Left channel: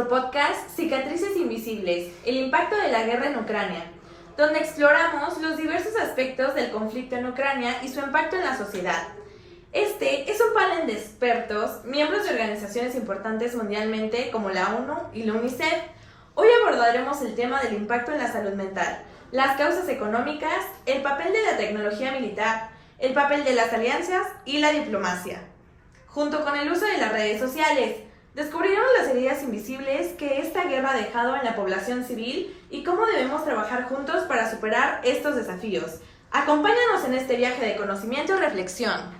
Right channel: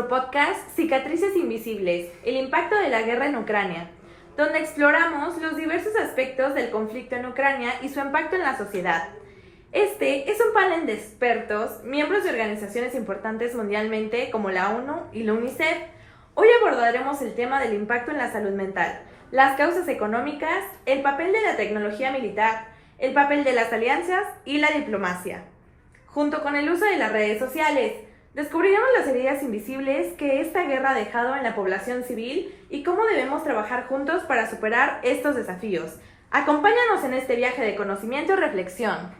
nuestro podcast Cicatrices Invisibles, el impacto de la guerra en Ucrania, donde exploramos los diversos aspectos del conflicto en Ucrania y su impacto en la sociedad. Este es un panel de expertos, miembros de organizaciones importantes mundialmente como la ONU y la UNICEF. Hoy abordaremos el tema del impacto en la salud mental, las causas económicas, el papel de la tecnología militar, el papel de las alianzas y la diplomacia. Junto con el uso de las redes sociales, descubriremos las heridas invisibles que esta guerra ha dejado en la población civil y cómo debemos trabajar juntos para superar estos desafíos. Acompáñanos en este viaje de conocimiento y reflexión.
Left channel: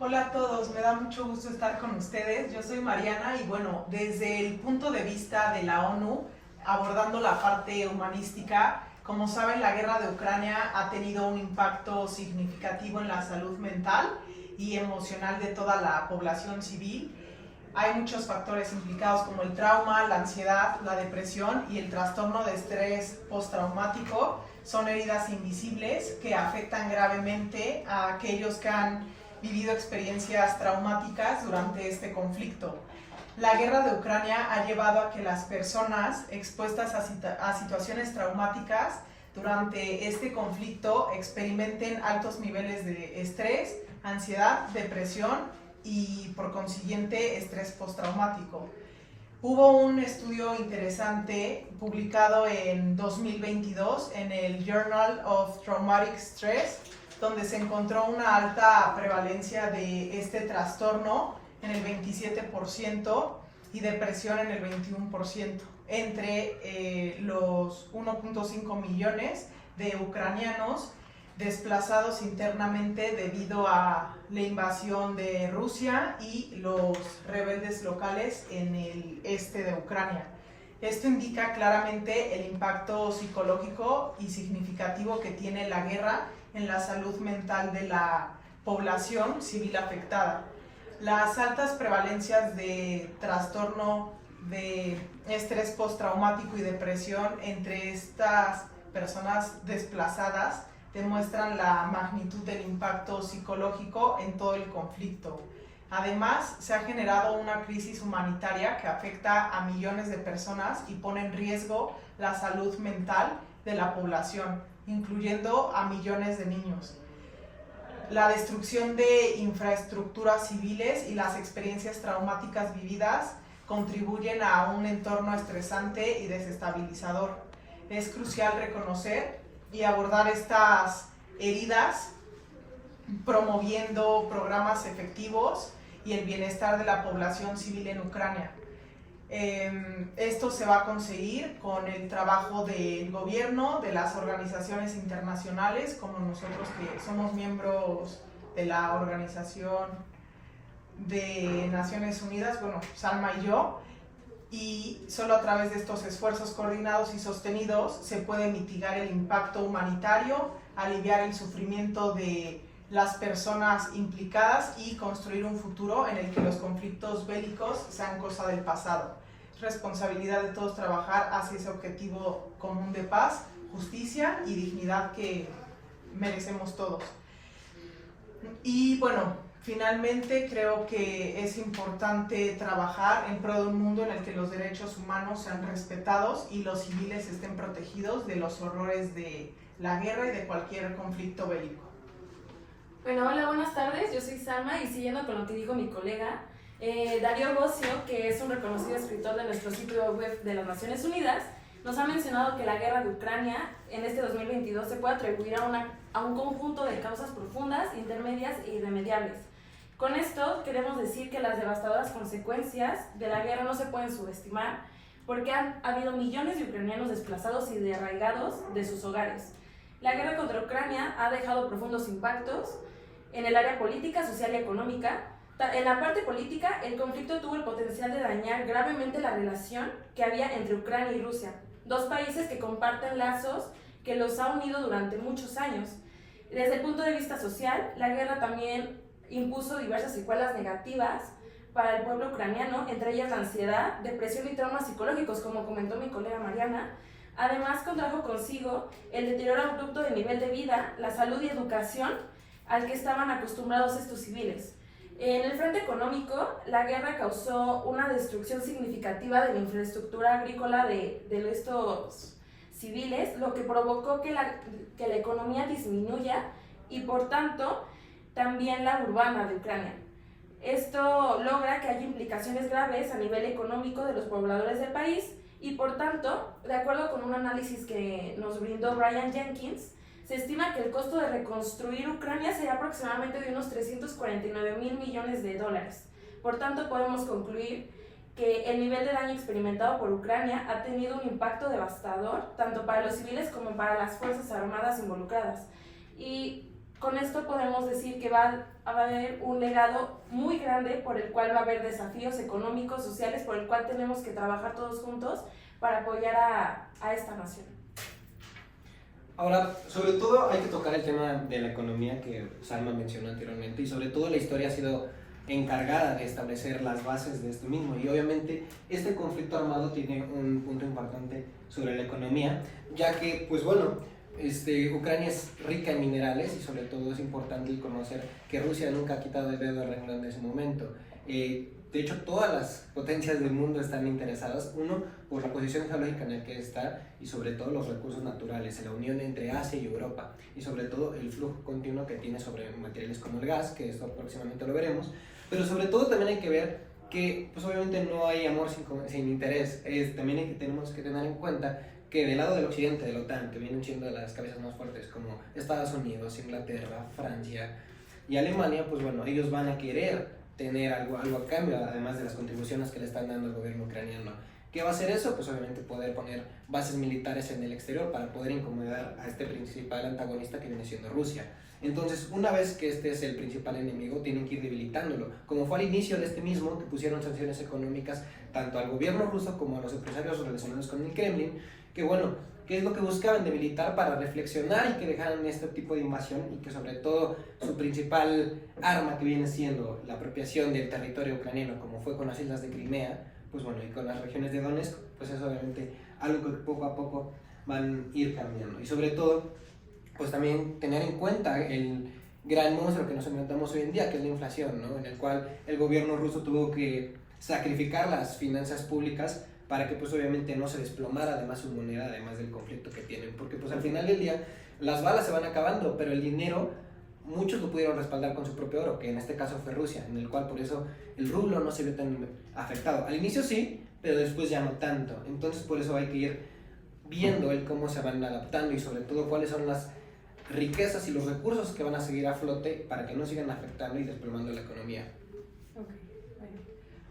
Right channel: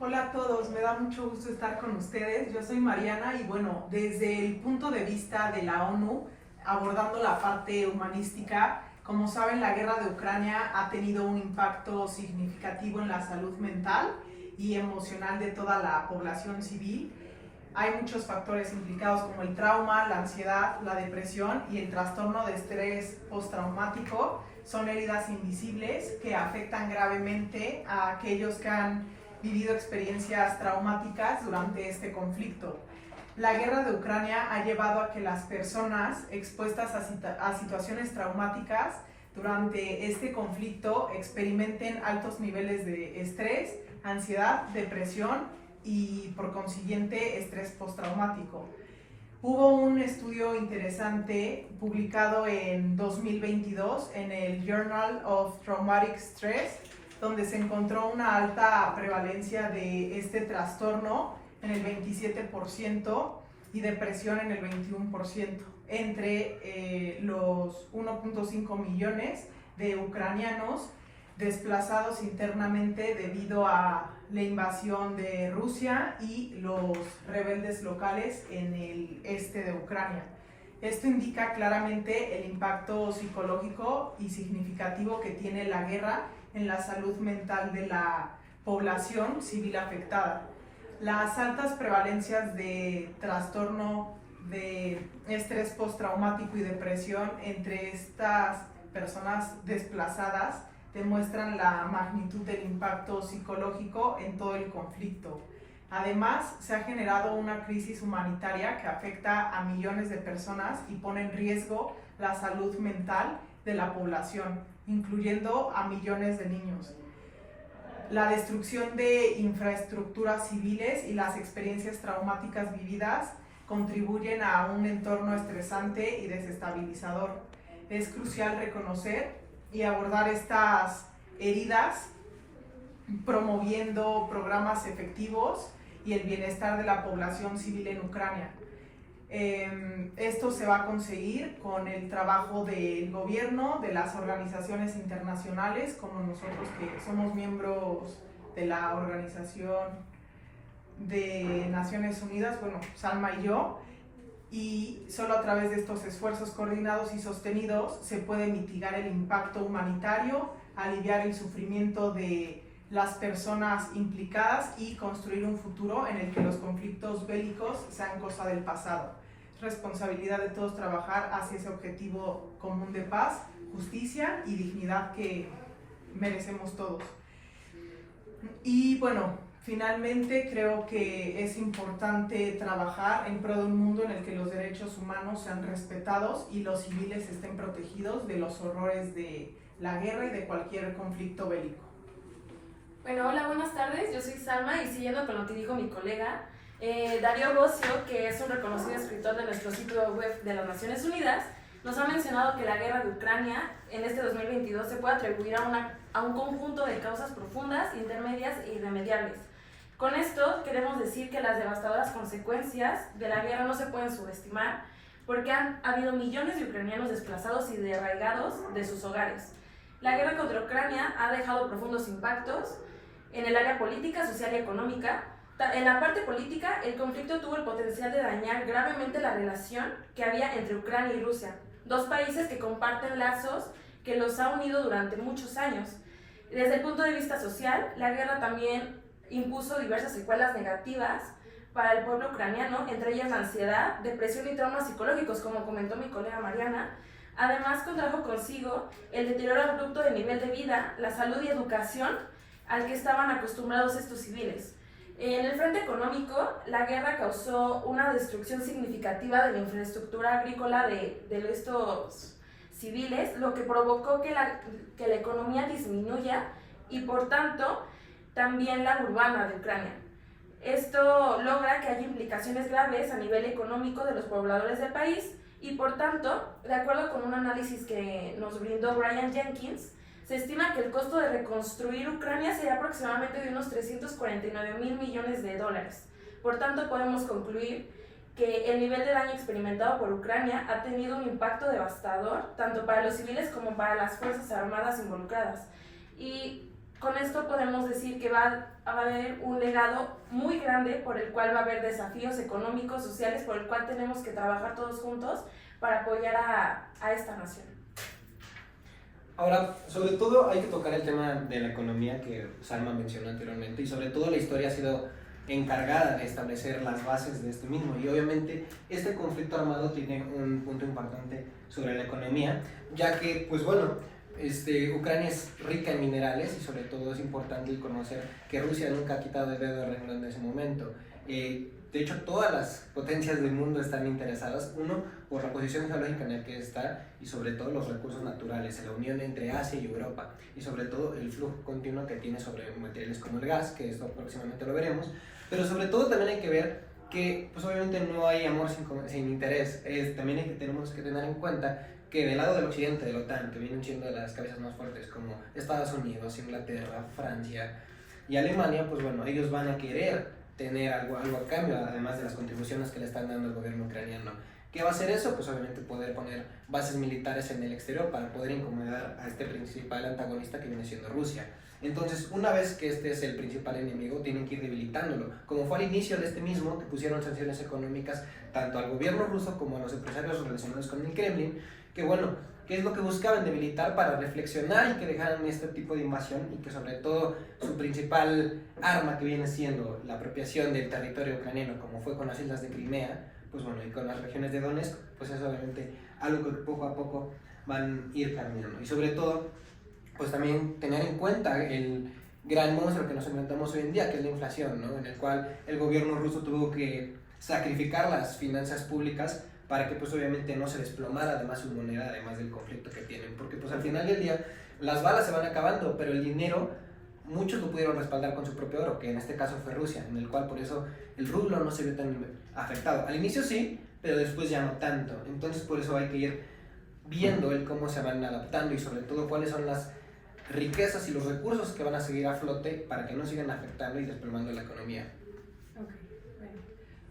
Hola a todos, me da mucho gusto estar con ustedes. Yo soy Mariana y bueno, desde el punto de vista de la ONU, abordando la parte humanística, como saben, la guerra de Ucrania ha tenido un impacto significativo en la salud mental y emocional de toda la población civil. Hay muchos factores implicados como el trauma, la ansiedad, la depresión y el trastorno de estrés postraumático. Son heridas invisibles que afectan gravemente a aquellos que han vivido experiencias traumáticas durante este conflicto. La guerra de Ucrania ha llevado a que las personas expuestas a situaciones traumáticas durante este conflicto experimenten altos niveles de estrés, ansiedad, depresión y por consiguiente estrés postraumático. Hubo un estudio interesante publicado en 2022 en el Journal of Traumatic Stress, donde se encontró una alta prevalencia de este trastorno en el 27% y depresión en el 21% entre los 1.5 millones de ucranianos desplazados internamente debido a la invasión de Rusia y los rebeldes locales en el este de Ucrania. Esto indica claramente el impacto psicológico y significativo que tiene la guerra en la salud mental de la población civil afectada. Las altas prevalencias de trastorno de estrés postraumático y depresión entre estas personas desplazadas demuestran la magnitud del impacto psicológico en todo el conflicto. Además, se ha generado una crisis humanitaria que afecta a millones de personas y pone en riesgo la salud mental de la población, incluyendo a millones de niños. La destrucción de infraestructuras civiles y las experiencias traumáticas vividas contribuyen a un entorno estresante y desestabilizador. Es crucial reconocer y abordar estas heridas promoviendo programas efectivos y el bienestar de la población civil en Ucrania. Esto se va a conseguir con el trabajo del gobierno, de las organizaciones internacionales, como nosotros que somos miembros de la Organización de Naciones Unidas, bueno, Salma y yo, y solo a través de estos esfuerzos coordinados y sostenidos se puede mitigar el impacto humanitario, aliviar el sufrimiento de las personas implicadas y construir un futuro en el que los conflictos bélicos sean cosa del pasado. Es responsabilidad de todos trabajar hacia ese objetivo común de paz, justicia y dignidad que merecemos todos. Y bueno, finalmente creo que es importante trabajar en pro de un mundo en el que los derechos humanos sean respetados y los civiles estén protegidos de los horrores de la guerra y de cualquier conflicto bélico. Bueno, hola, buenas tardes, yo soy Salma y siguiendo con lo que dijo mi colega, Darío Bossio, que es un reconocido escritor de nuestro sitio web de las Naciones Unidas, nos ha mencionado que la guerra de Ucrania en este 2022 se puede atribuir a un conjunto de causas profundas, intermedias e irremediables. Con esto queremos decir que las devastadoras consecuencias de la guerra no se pueden subestimar porque han habido millones de ucranianos desplazados y derraigados de sus hogares. La guerra contra Ucrania ha dejado profundos impactos en el área política, social y económica. En la parte política, el conflicto tuvo el potencial de dañar gravemente la relación que había entre Ucrania y Rusia, dos países que comparten lazos que los ha unido durante muchos años. Desde el punto de vista social, la guerra también impuso diversas secuelas negativas para el pueblo ucraniano, entre ellas la ansiedad, depresión y traumas psicológicos, como comentó mi colega Mariana. Además, contrajo consigo el deterioro abrupto del nivel de vida, la salud y educación al que estaban acostumbrados estos civiles. En el frente económico, la guerra causó una destrucción significativa de la infraestructura agrícola de estos civiles, lo que provocó que la economía disminuya y por tanto también la urbana de Ucrania. Esto logra que haya implicaciones graves a nivel económico de los pobladores del país y por tanto, de acuerdo con un análisis que nos brindó Brian Jenkins, se estima que el costo de reconstruir Ucrania sería aproximadamente de unos 349 mil millones de dólares. Por tanto, podemos concluir que el nivel de daño experimentado por Ucrania ha tenido un impacto devastador, tanto para los civiles como para las fuerzas armadas involucradas. Y con esto podemos decir que va a haber un legado muy grande por el cual va a haber desafíos económicos, sociales, por el cual tenemos que trabajar todos juntos para apoyar a esta nación. Ahora, sobre todo hay que tocar el tema de la economía que Salma mencionó anteriormente y sobre todo la historia ha sido encargada de establecer las bases de esto mismo y obviamente este conflicto armado tiene un punto importante sobre la economía, ya que, pues bueno, Ucrania es rica en minerales y sobre todo es importante conocer que Rusia nunca ha quitado el dedo del renglón de ese momento. De hecho, todas las potencias del mundo están interesadas, uno, por la posición geológica en la que está y sobre todo los recursos naturales, la unión entre Asia y Europa y sobre todo el flujo continuo que tiene sobre materiales como el gas, que esto próximamente lo veremos, pero sobre todo también hay que ver que pues obviamente no hay amor sin interés. También tenemos que tener en cuenta que del lado del occidente, de la OTAN, que vienen siendo de las cabezas más fuertes como Estados Unidos, Inglaterra, Francia y Alemania, pues bueno, ellos van a querer tener algo a cambio, además de las contribuciones que le están dando al gobierno ucraniano. ¿Qué va a hacer eso? Pues obviamente poder poner bases militares en el exterior para poder incomodar a este principal antagonista que viene siendo Rusia. Entonces, una vez que este es el principal enemigo, tienen que ir debilitándolo, como fue al inicio de este mismo, que pusieron sanciones económicas tanto al gobierno ruso como a los empresarios relacionados con el Kremlin, que bueno, ¿qué es lo que buscaban? Debilitar para reflexionar y que dejaran este tipo de invasión y que sobre todo su principal arma que viene siendo la apropiación del territorio ucraniano, como fue con las islas de Crimea, pues bueno, y con las regiones de Donetsk, pues es obviamente algo que poco a poco van a ir cambiando. Y sobre todo, pues también tener en cuenta el gran monstruo que nos enfrentamos hoy en día, que es la inflación, ¿no? En el cual el gobierno ruso tuvo que sacrificar las finanzas públicas para que pues obviamente no se desplomara además su moneda, además del conflicto que tienen, porque pues al final del día las balas se van acabando, pero el dinero muchos lo pudieron respaldar con su propio oro, que en este caso fue Rusia, en el cual por eso el rublo no se vio tan afectado. Al inicio sí, pero después ya no tanto, entonces por eso hay que ir viendo el cómo se van adaptando y sobre todo cuáles son las riquezas y los recursos que van a seguir a flote para que no sigan afectando y desplomando la economía.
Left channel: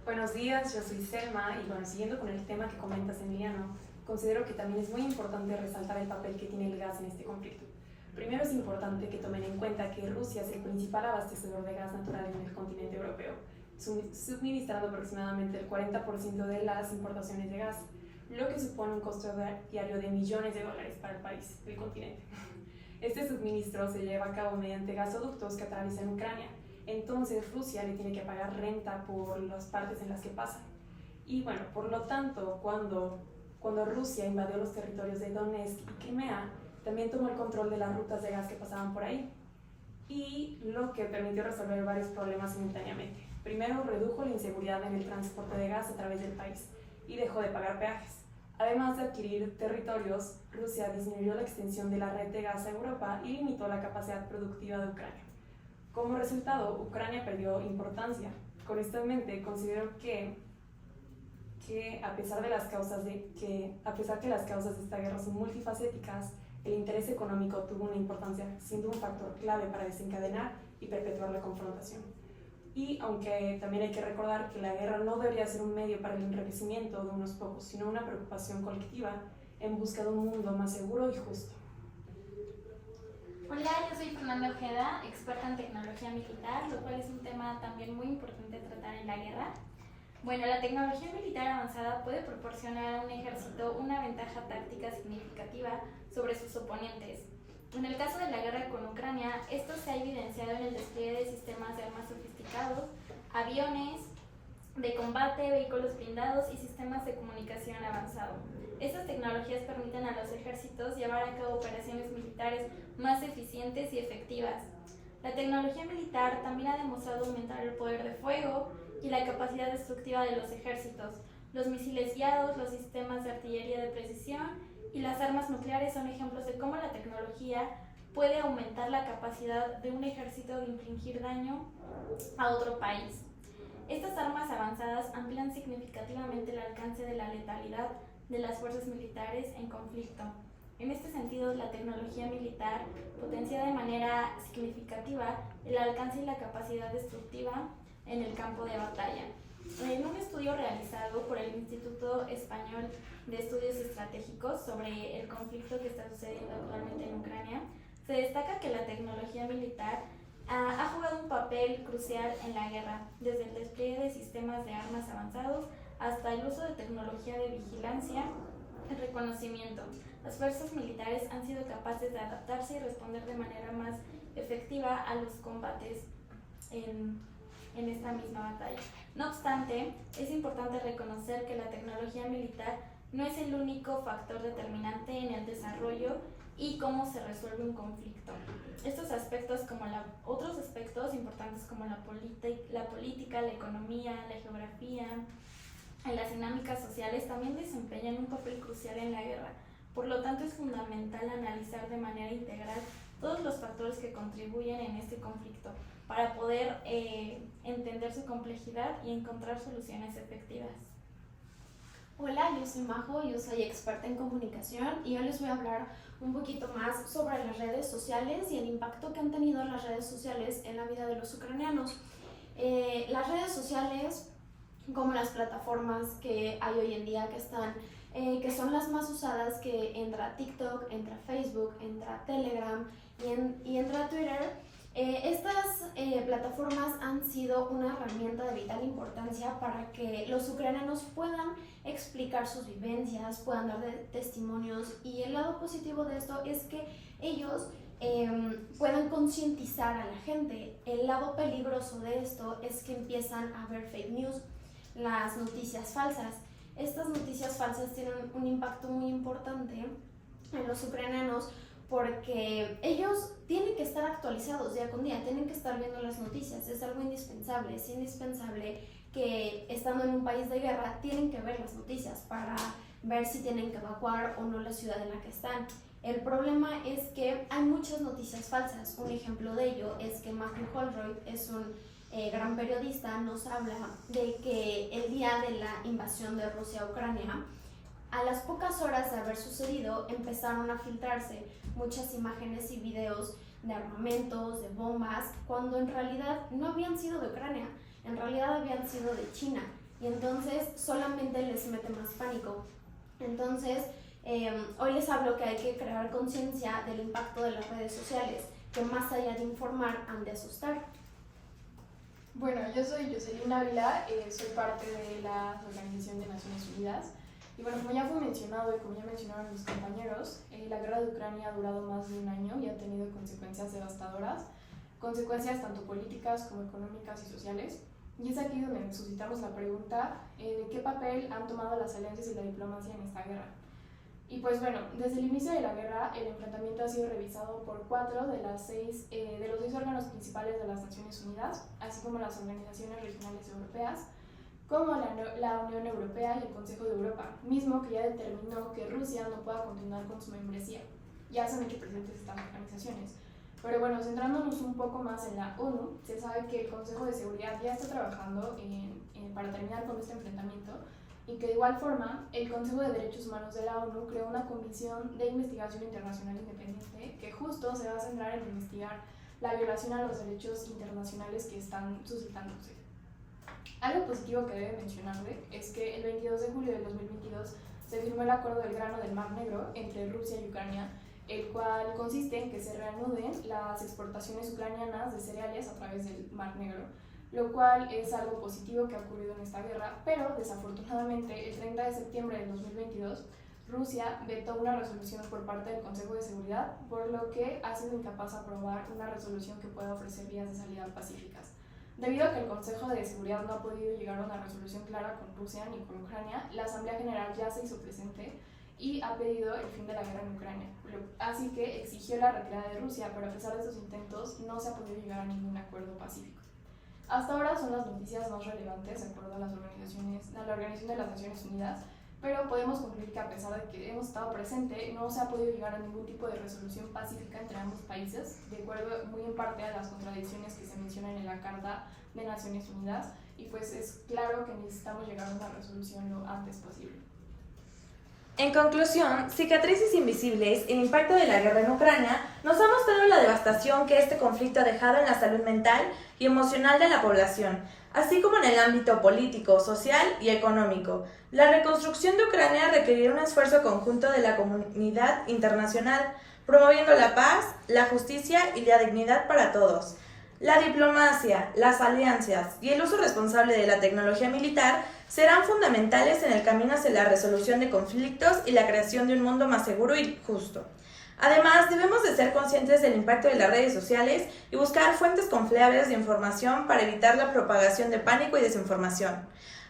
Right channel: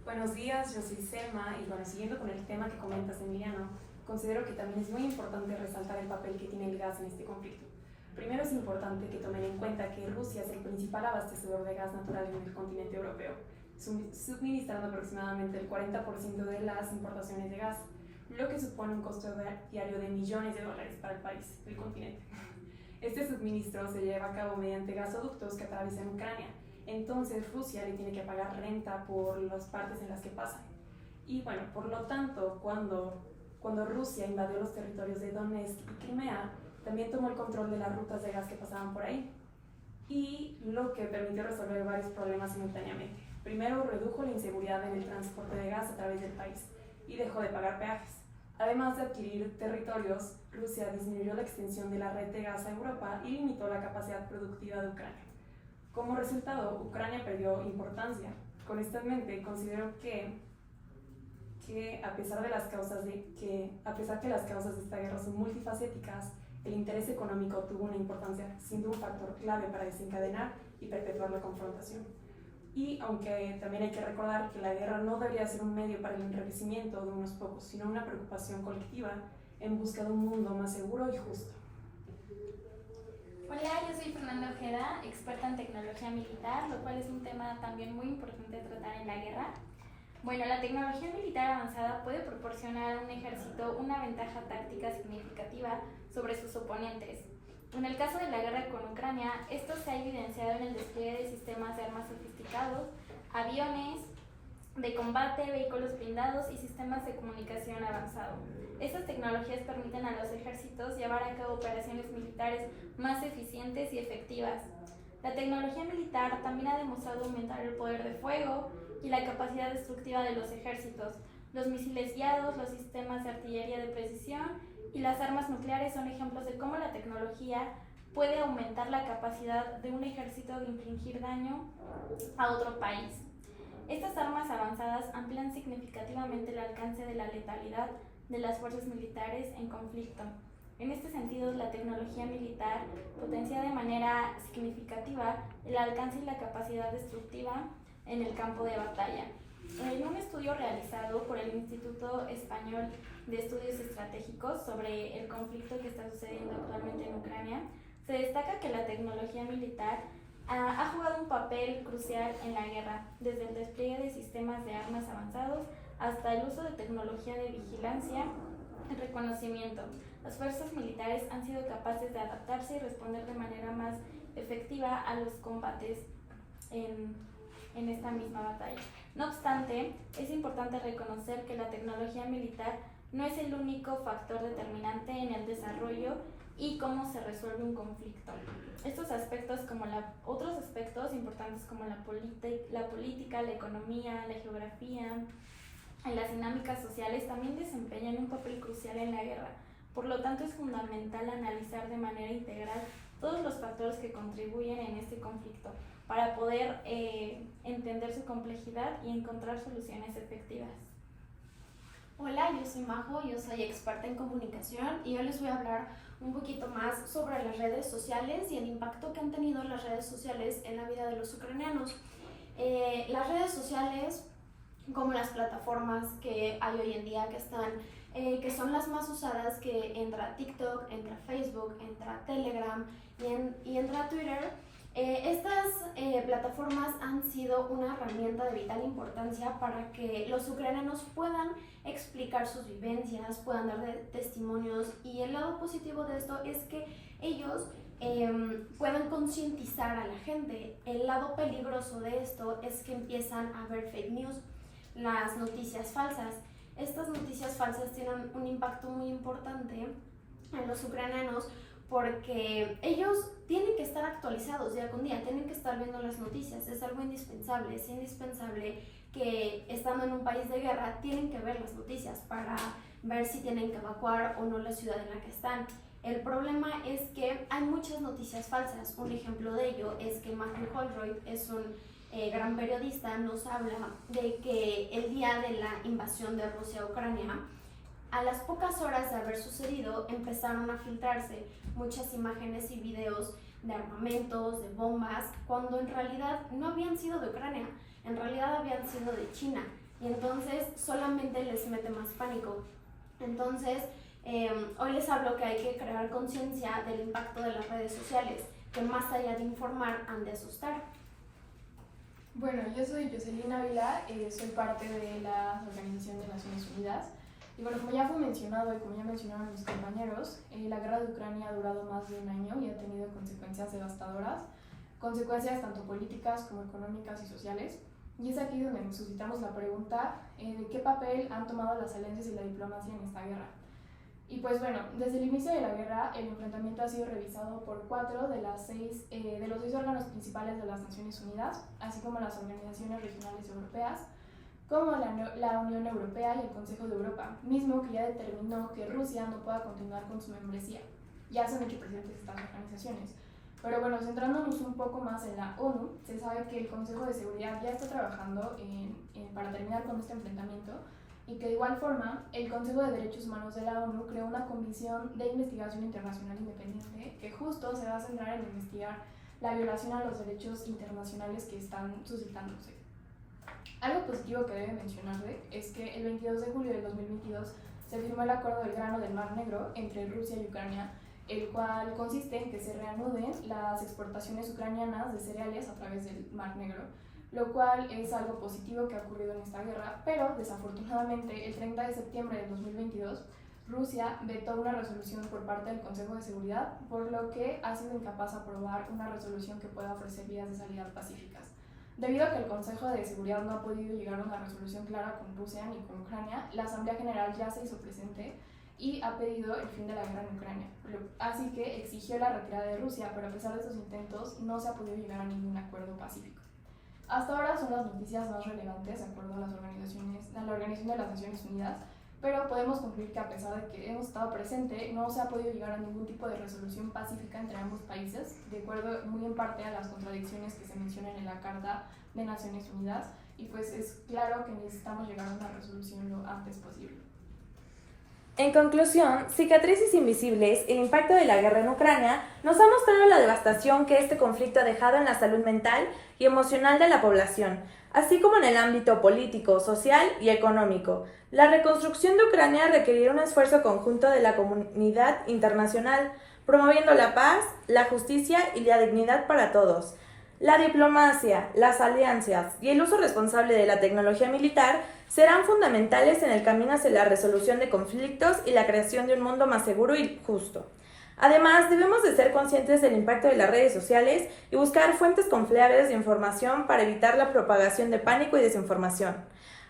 Buenos días, yo soy Selma y bueno, siguiendo con el tema que comentas, Emiliano, considero que también es muy importante resaltar el papel que tiene el gas en este conflicto. Primero es importante que tomen en cuenta que Rusia es el principal abastecedor de gas natural en el continente europeo, suministrando aproximadamente el 40% de las importaciones de gas, lo que supone un costo diario de millones de dólares para el país, el continente. Este suministro se lleva a cabo mediante gasoductos que atraviesan Ucrania. Entonces Rusia le tiene que pagar renta por las partes en las que pasan. Y bueno, por lo tanto, cuando Rusia invadió los territorios de Donetsk y Crimea, también tomó el control de las rutas de gas que pasaban por ahí. Y lo que permitió resolver varios problemas simultáneamente. Primero, redujo la inseguridad en el transporte de gas a través del país y dejó de pagar peajes. Además de adquirir territorios, Rusia disminuyó la extensión de la red de gas a Europa y limitó la capacidad productiva de Ucrania. Como resultado, Ucrania perdió importancia. Con esto en mente, considero que a pesar que las causas de esta guerra son multifacéticas, el interés económico tuvo una importancia, siendo un factor clave para desencadenar y perpetuar la confrontación. Y aunque también hay que recordar que la guerra no debería ser un medio para el enriquecimiento de unos pocos, sino una preocupación colectiva en busca de un mundo más seguro y justo. Hola, yo soy Fernanda Ojeda, experta en tecnología militar, lo cual es un tema también muy importante tratar en la guerra. Bueno, la tecnología militar avanzada puede proporcionar a un ejército una ventaja táctica significativa sobre sus oponentes. En el caso de la guerra con Ucrania, esto se ha evidenciado en el despliegue de sistemas de armas sofisticados, aviones de combate, vehículos blindados y sistemas de comunicación avanzado. Estas tecnologías permiten a los ejércitos llevar a cabo operaciones militares más eficientes y efectivas. La tecnología militar también ha demostrado aumentar el poder de fuego y la capacidad destructiva de los ejércitos. Los misiles guiados, los sistemas de artillería de precisión y las armas nucleares son ejemplos de cómo la tecnología puede aumentar la capacidad de un ejército de infligir daño a otro país. Estas armas avanzadas amplían significativamente el alcance de la letalidad de las fuerzas militares en conflicto. En este sentido, la tecnología militar potencia de manera significativa el alcance y la capacidad destructiva en el campo de batalla. En un estudio realizado por el Instituto Español de Estudios Estratégicos sobre el conflicto que está sucediendo actualmente en Ucrania, se destaca que la tecnología militar ha jugado un papel crucial en la guerra, desde el despliegue de sistemas de armas avanzados hasta el uso de tecnología de vigilancia y reconocimiento. Las fuerzas militares han sido capaces de adaptarse y responder de manera más efectiva a los combates en esta misma batalla. No obstante, es importante reconocer que la tecnología militar no es el único factor determinante en el desarrollo y cómo se resuelve un conflicto. Otros aspectos importantes como la política, la economía, la geografía, y las dinámicas sociales también desempeñan un papel crucial en la guerra. Por lo tanto, es fundamental analizar de manera integral todos los factores que contribuyen en este conflicto para poder entender su complejidad y encontrar soluciones efectivas. Hola, yo soy Majo, yo soy experta en comunicación y hoy les voy a hablar un poquito más sobre las redes sociales y el impacto que han tenido las redes sociales en la vida de los ucranianos. Las redes sociales, como las plataformas que hay hoy en día que son las más usadas, que entra TikTok, entra Facebook, entra Telegram y entra Twitter. Estas plataformas han sido una herramienta de vital importancia para que los ucranianos puedan explicar sus vivencias, puedan dar testimonios, y el lado positivo de esto es que ellos puedan concientizar a la gente. El lado peligroso de esto es que empiezan a haber fake news, las noticias falsas. Estas noticias falsas tienen un impacto muy importante en los ucranianos porque ellos tienen que estar actualizados día con día, tienen que estar viendo las noticias, es algo indispensable, es indispensable que estando en un país de guerra tienen que ver las noticias para ver si tienen que evacuar o no la ciudad en la que están. El problema es que hay muchas noticias falsas. Un ejemplo de ello es que Matthew Holroyd es un gran periodista, nos habla de que el día de la invasión de Rusia a Ucrania, a las pocas horas de haber sucedido, empezaron a filtrarse muchas imágenes y videos de armamentos, de bombas, cuando en realidad no habían sido de Ucrania, en realidad habían sido de China, y entonces solamente les mete más pánico. Entonces, hoy les hablo que hay que crear conciencia del impacto de las redes sociales, que más allá de informar, han de asustar. Bueno, yo soy Jocelyn Ávila, soy parte de la Organización de Naciones Unidas. Y bueno, como ya fue mencionado y como ya mencionaron mis compañeros, la guerra de Ucrania ha durado más de un año y ha tenido consecuencias devastadoras, consecuencias tanto políticas como económicas y sociales. Y es aquí donde nos suscitamos la pregunta de qué papel han tomado las alianzas y la diplomacia en esta guerra. Y pues bueno, desde el inicio de la guerra, el enfrentamiento ha sido revisado por 4 de los 6 órganos principales de las Naciones Unidas, así como las organizaciones regionales europeas, como la Unión Europea y el Consejo de Europa, mismo que ya determinó que Rusia no pueda continuar con su membresía. Ya son hecho presentes estas organizaciones. Pero bueno, centrándonos un poco más en la ONU, se sabe que el Consejo de Seguridad ya está trabajando para terminar con este enfrentamiento, y que de igual forma el Consejo de Derechos Humanos de la ONU creó una comisión de investigación internacional independiente que justo se va a centrar en investigar la violación a los derechos internacionales que están suscitándose. Algo positivo que debe mencionarse es que el 22 de julio del 2022 se firmó el Acuerdo del Grano del Mar Negro entre Rusia y Ucrania, el cual consiste en que se reanuden las exportaciones ucranianas de cereales a través del Mar Negro, lo cual es algo positivo que ha ocurrido en esta guerra, pero desafortunadamente el 30 de septiembre del 2022 Rusia vetó una resolución por parte del Consejo de Seguridad, por lo que ha sido incapaz de aprobar una resolución que pueda ofrecer vías de salida pacíficas. Debido a que el Consejo de Seguridad no ha podido llegar a una resolución clara con Rusia ni con Ucrania, la Asamblea General ya se hizo presente y ha pedido el fin de la guerra en Ucrania. Así que exigió la retirada de Rusia, pero a pesar de estos intentos no se ha podido llegar a ningún acuerdo pacífico. Hasta ahora son las noticias más relevantes de acuerdo a la Organización de las Naciones Unidas, pero podemos concluir que a pesar de que hemos estado presente, no se ha podido llegar a ningún tipo de resolución pacífica entre ambos países, de acuerdo muy en parte a las contradicciones que se mencionan en la Carta de Naciones Unidas, y pues es claro que necesitamos llegar a una resolución lo antes posible. En conclusión, Cicatrices Invisibles, el impacto de la guerra en Ucrania, nos ha mostrado la devastación que este conflicto ha dejado en la salud mental y emocional de la población, así como en el ámbito político, social y económico. La reconstrucción de Ucrania requerirá un esfuerzo conjunto de la comunidad internacional, promoviendo la paz, la justicia y la dignidad para todos. La diplomacia, las alianzas y el uso responsable de la tecnología militar serán fundamentales en el camino hacia la resolución de conflictos y la creación de un mundo más seguro y justo. Además, debemos de ser conscientes del impacto de las redes sociales y buscar fuentes confiables de información para evitar la propagación de pánico y desinformación.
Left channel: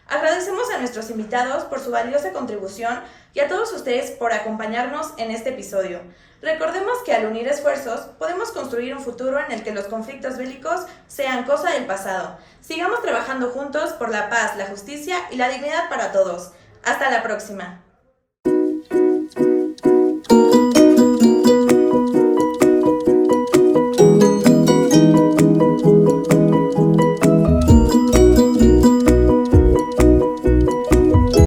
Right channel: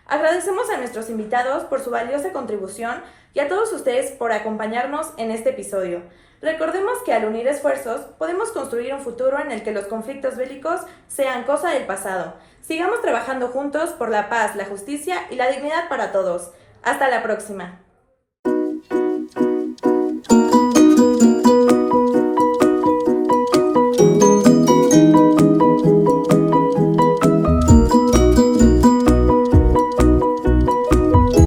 Agradecemos a nuestros invitados por su valiosa contribución y a todos ustedes por acompañarnos en este episodio. Recordemos que al unir esfuerzos podemos construir un futuro en el que los conflictos bélicos sean cosa del pasado. Sigamos trabajando juntos por la paz, la justicia y la dignidad para todos. Hasta la próxima.